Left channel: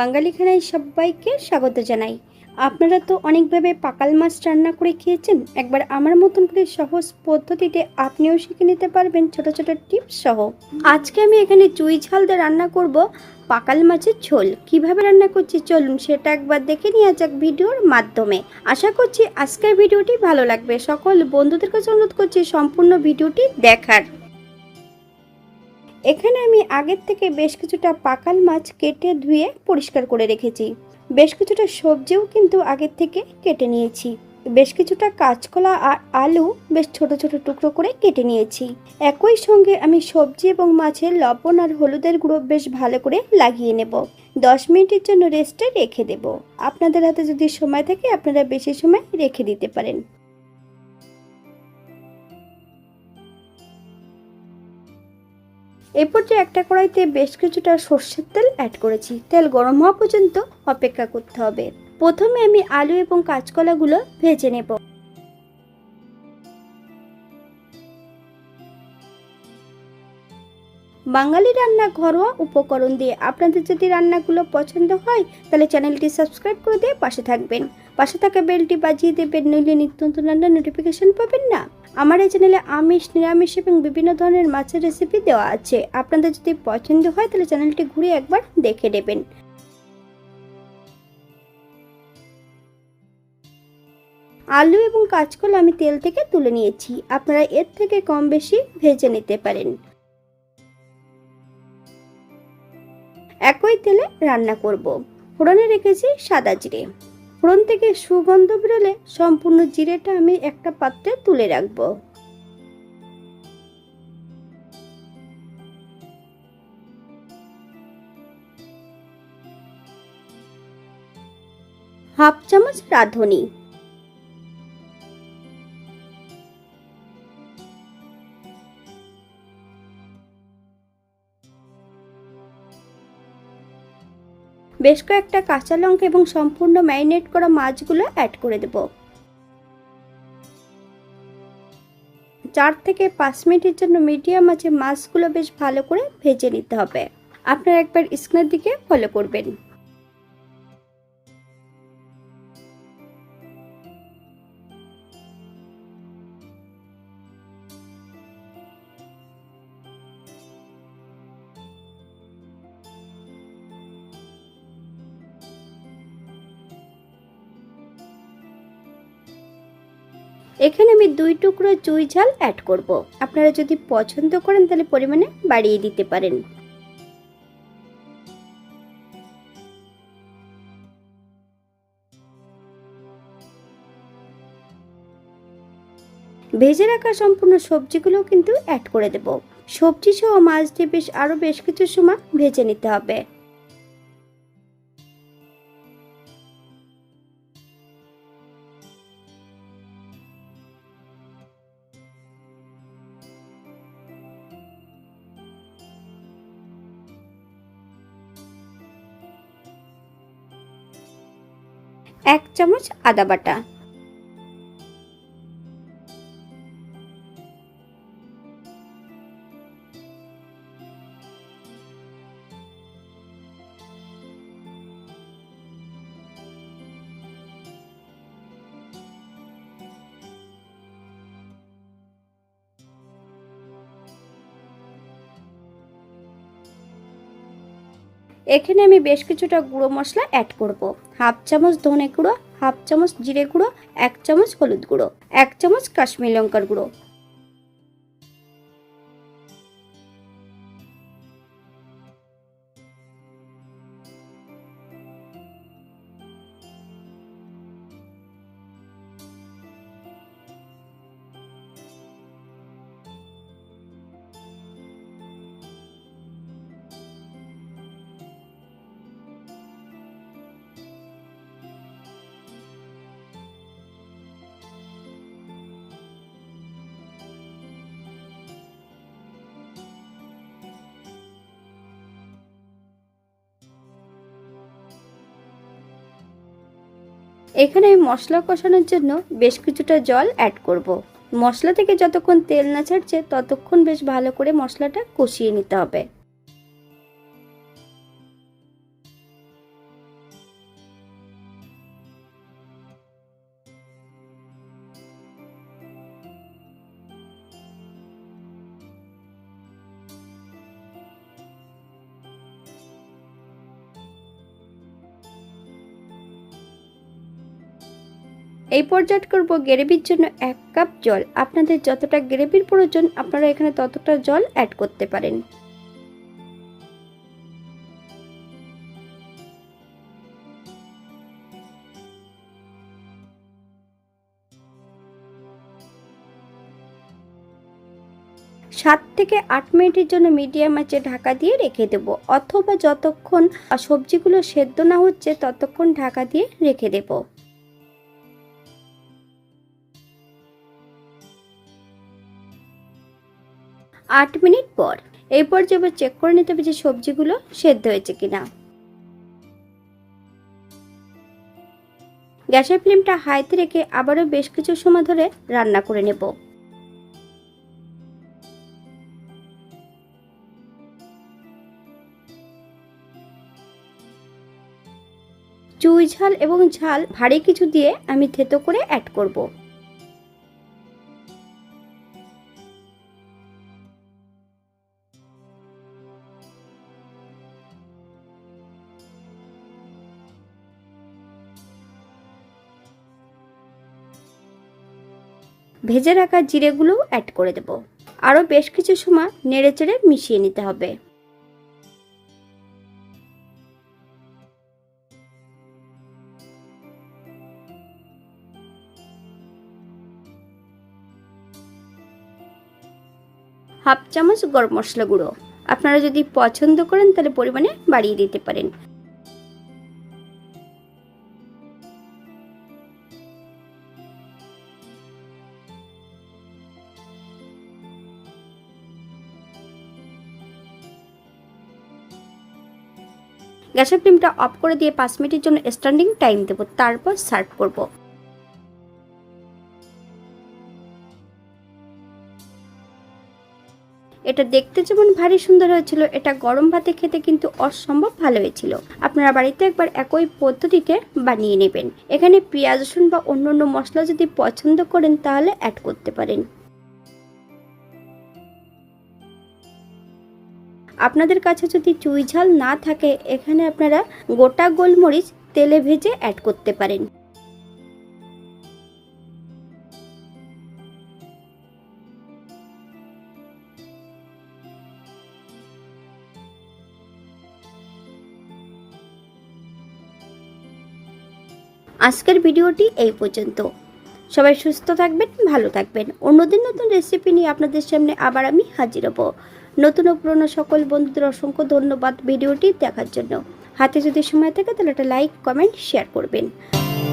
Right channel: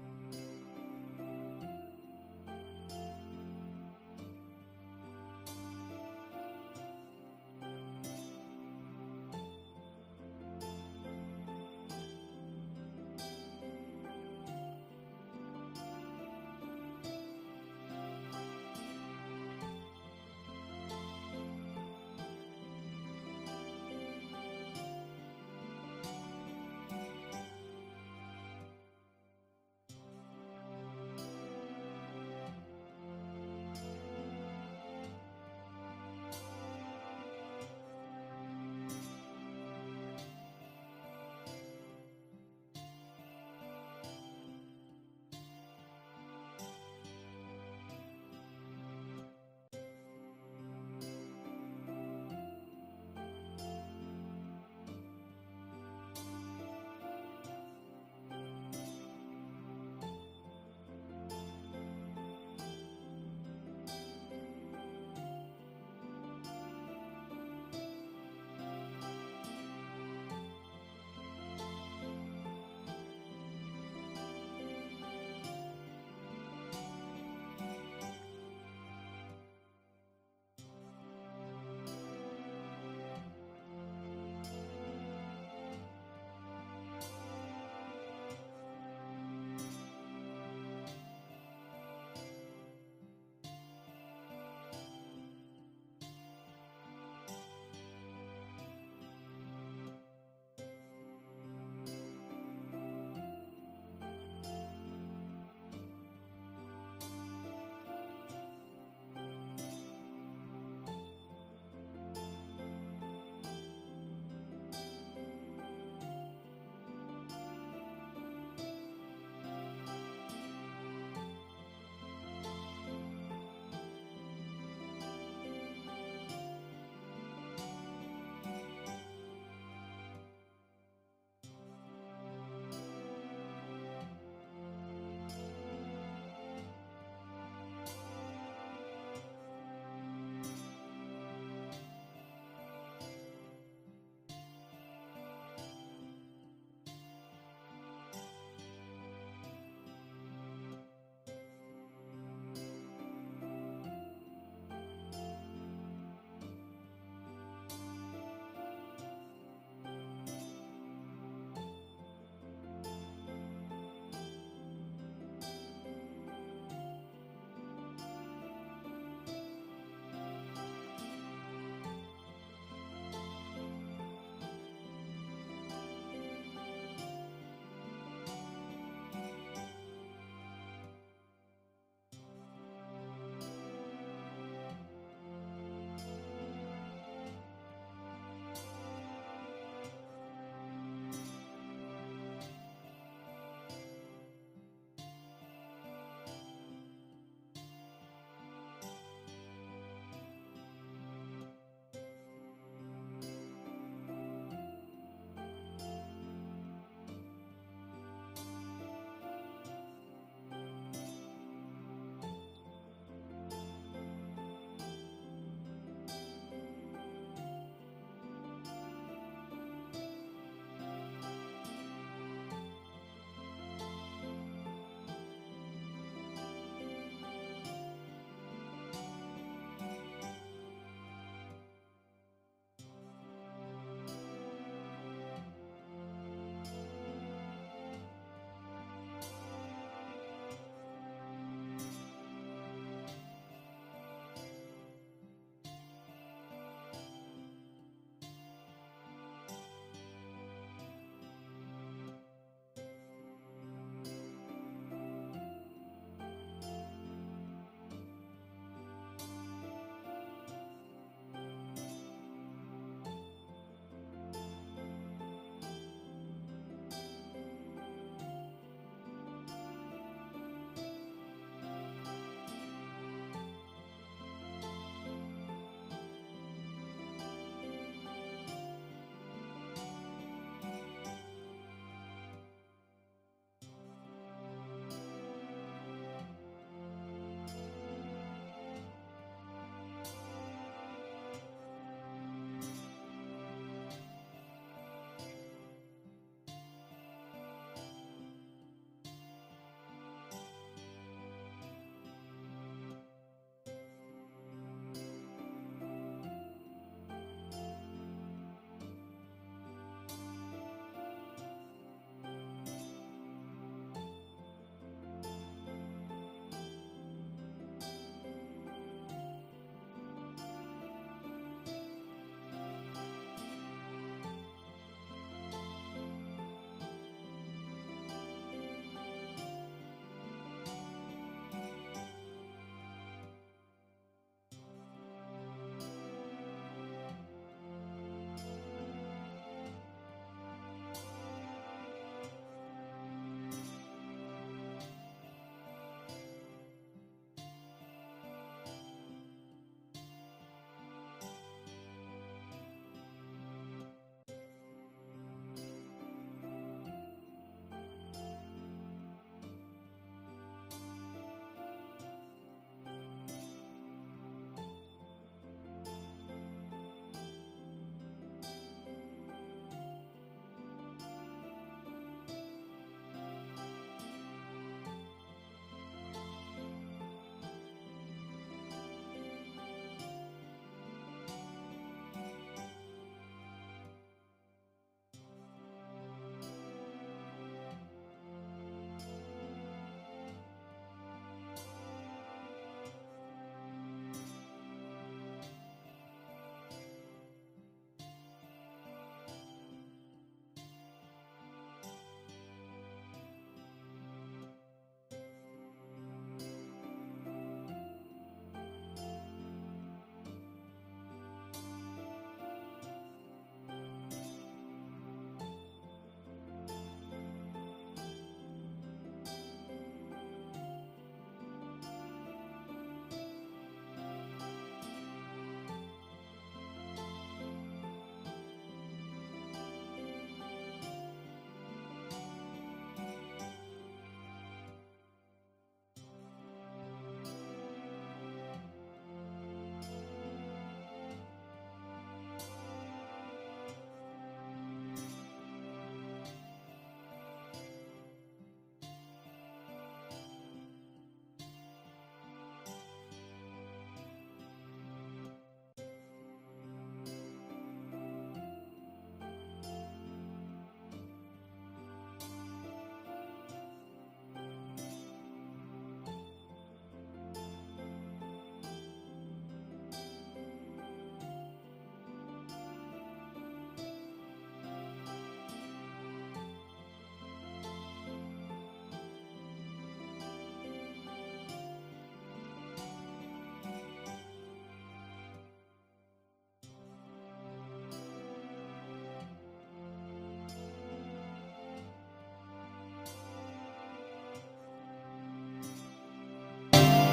বাঙালি খানায় সবাইকে স্বাগত জানাই। আপনারা তো অনেকভাবে পাকাল মাছ রান্না করে খেয়েছেন। একবার আমার মতন করে সহজ পদ্ধতিতে আপনিও শিখে নিতে পারবেন ছোট ছোট টিপস সহ। আজকে আমি এখানে চুই ঝাল দিয়ে রান্না করব পাকাল মাছের ঝোল। কিভাবে রান্না করছি চলুন সেটা একবার দেখে নেওয়া যাক ভিডিওর মাধ্যমে। আশা করছি আজকের ভিডিওটি ভালো লাগবে। সকল বন্ধুদের কাছে অনুরোধ করছি সম্পূর্ণ ভিডিওটি দেখার। এখানে আমি আগের থেকে বেশ কিছুটা পাকাল মাছ কেটে ধুয়ে পরিষ্কার করে রেখেছি। বেশ কিছুটা সবজিও কিন্তু আগের থেকে কেটে নিয়েছি। বেশ কিছুটা কাঁচকলা আর আলু বেশ ছোট ছোট টুকরো করে কেটে নিয়েছি। একই সঙ্গে আমি সবজি এবং মাছের লবণ আর হলুদের গুঁড়ো বেশ ভালো করে লাগিয়ে নেব। 10 মিনিটের জন্য রেস্টে রেখে দেব। আপনাদের হাতে যদি সময় থাকে আপনারা বেশি সময় রেখে দিতে পারেন। এরপর যে একটা কড়াইতে বেশ কিছুটা সর্ষের তেল অ্যাড করেছি। তেল গরম হওয়া পর্যন্ত অপেক্ষা করতে হবে। প্রথমে আমি আলু এবং কাঁচকলাগুলো ভেজে নেব। বাঙালি রান্না ঘরোয়া উপকরণ দিয়ে। আপনাদের যদি রান্নাগুলো পছন্দ হয় তাহলে চ্যানেলটি সাবস্ক্রাইব করে দিয়ে পাশে থাকবেন। পাশে থাকা বেলটি বাজিয়ে দেবেন, নইলে নিত্য নতুন রান্নার নোটিফিকেশন পাবেন না। আমার এই চ্যানেলে আমিষ, নিরামিষ এবং বিভিন্ন ধরনের মাছের রেসিপি দেওয়া আছে। আপনাদের যদি পছন্দ হয় তাহলে চ্যানেলটি ঘুরে একবার দেখে নেবেন। আলু এবং কাঁচকলা আমি তেল থেকে তুলে নিয়েছি। আপনারা এর থেকে কম বেশি ভেজে নিতে পারেন। একই তেলে রান্না করব। ফোড়নে রেখেছি সাদা জিরে। ফোড়ন থেকে সুগন্ধ বেরোলে সম্পূর্ণ জিরেটা আমি একটা পাত্রে তুলে রাখবো। হাফ চামচ রাঁধুনি, বেশ কয়েকটা কাঁচা লঙ্কা এবং সম্পূর্ণ ম্যারিনেট করা মাছগুলো অ্যাড করে দেব। 4 থেকে 5 মিনিটের জন্য মিডিয়াম আঁচে মাছগুলো বেশ ভালো করে ভেজে নিতে হবে। আপনারা একবার স্ক্রিনের দিকে ফলো করবেন। এখানে আমি 2 টুকরো চুই ঝাল অ্যাড করব। আপনারা যদি পছন্দ করেন তাহলে পরিমাণে বাড়িয়ে দিতে পারেন। ভেজে রাখা সম্পূর্ণ সবজিগুলো কিন্তু অ্যাড করে দেব। সবজি সহ মাছ দিয়ে আরো বেশ কিছু সময় ভেজে নিতে হবে। এক চামচ আদা বাটা, এখানে আমি বেশ কিছুটা গুঁড়ো মশলা অ্যাড করব। হাফ চামচ ধনে গুঁড়ো, হাফ চামচ জিরে গুঁড়ো, 1 চামচ হলুদ গুঁড়ো, 1 চামচ কাশ্মীরি লঙ্কার গুঁড়ো। এখানে আমি মশলা কষানোর জন্য বেশ কিছুটা জল অ্যাড করব। মশলা থেকে যতক্ষণ তেল না ছাড়ছে ততক্ষণ বেশ ভালো করে মশলাটা কষিয়ে নিতে হবে। এই পর্যায়ে করব গ্রেভির জন্য 1 কাপ জল। আপনাদের যতটা গ্রেভির প্রয়োজন আপনারা এখানে ততটা জল অ্যাড করতে পারেন। সাত থেকে 8 মিনিটের জন্য মিডিয়াম আঁচে ঢাকা দিয়ে রেখে দেব, অথবা যতক্ষণ সবজিগুলো সেদ্ধ না হচ্ছে ততক্ষণ ঢাকা দিয়ে রেখে দেব। 8 মিনিট পর এই পর্যায়ে চেক করে নিতে হবে যে সবজিগুলো সেদ্ধ হয়েছে কিনা। গ্যাসের ফ্লেমটা হাইতে রেখে আবারও বেশ কিছু সময় ধরে রান্না করে নেব। চুই ঝাল এবং ঝাল ভারী কিছু দিয়ে আমি থেতো করে অ্যাড করব। ভেজে রাখা জিরেগুলো অ্যাড করে দেব। আরও বেশ কিছু সময় নেড়েচেড়ে মিশিয়ে নিতে হবে। হাফ চামচ গরম মশলা গুঁড়ো, আপনারা যদি পছন্দ করেন তাহলে পরিমাণে বাড়িয়ে দিতে পারেন। গ্যাসের ফ্লেমটা অফ করে দিয়ে 5 মিনিটের জন্য স্ট্যান্ডিং টাইম দেব, তারপর সার্ভ করব। এটা দেখতে যেমন ভারী সুন্দর হয়েছিল, এটা গরম ভাতে খেতে কিন্তু অসম্ভব ভালো হয়েছিল। আপনারা বাড়িতে একবার একই পদ্ধতিতে বানিয়ে নেবেন। এখানে পেঁয়াজ রসুন বা অন্যান্য মশলা যদি পছন্দ করেন তাহলে অ্যাড করতে পারেন। আপনাদের কাছে যদি চুই ঝাল না থাকে এখানে আপনারা গোটা গোলমরিচ তেলে ভেজে অ্যাড করতে পারেন। আজকের ভিডিওটি এই পর্যন্ত। সবাই সুস্থ থাকবেন, ভালো থাকবেন। অন্যদিন নতুন রেসিপি নিয়ে আপনাদের সামনে আবার আমি হাজির হব। নতুন ও পুরনো সকল বন্ধুদের অসংখ্য ধন্যবাদ ভিডিওটি দেখার জন্য। হাতে যদি সময় থাকে তাহলে একটা লাইক, কমেন্ট, শেয়ার করবেন।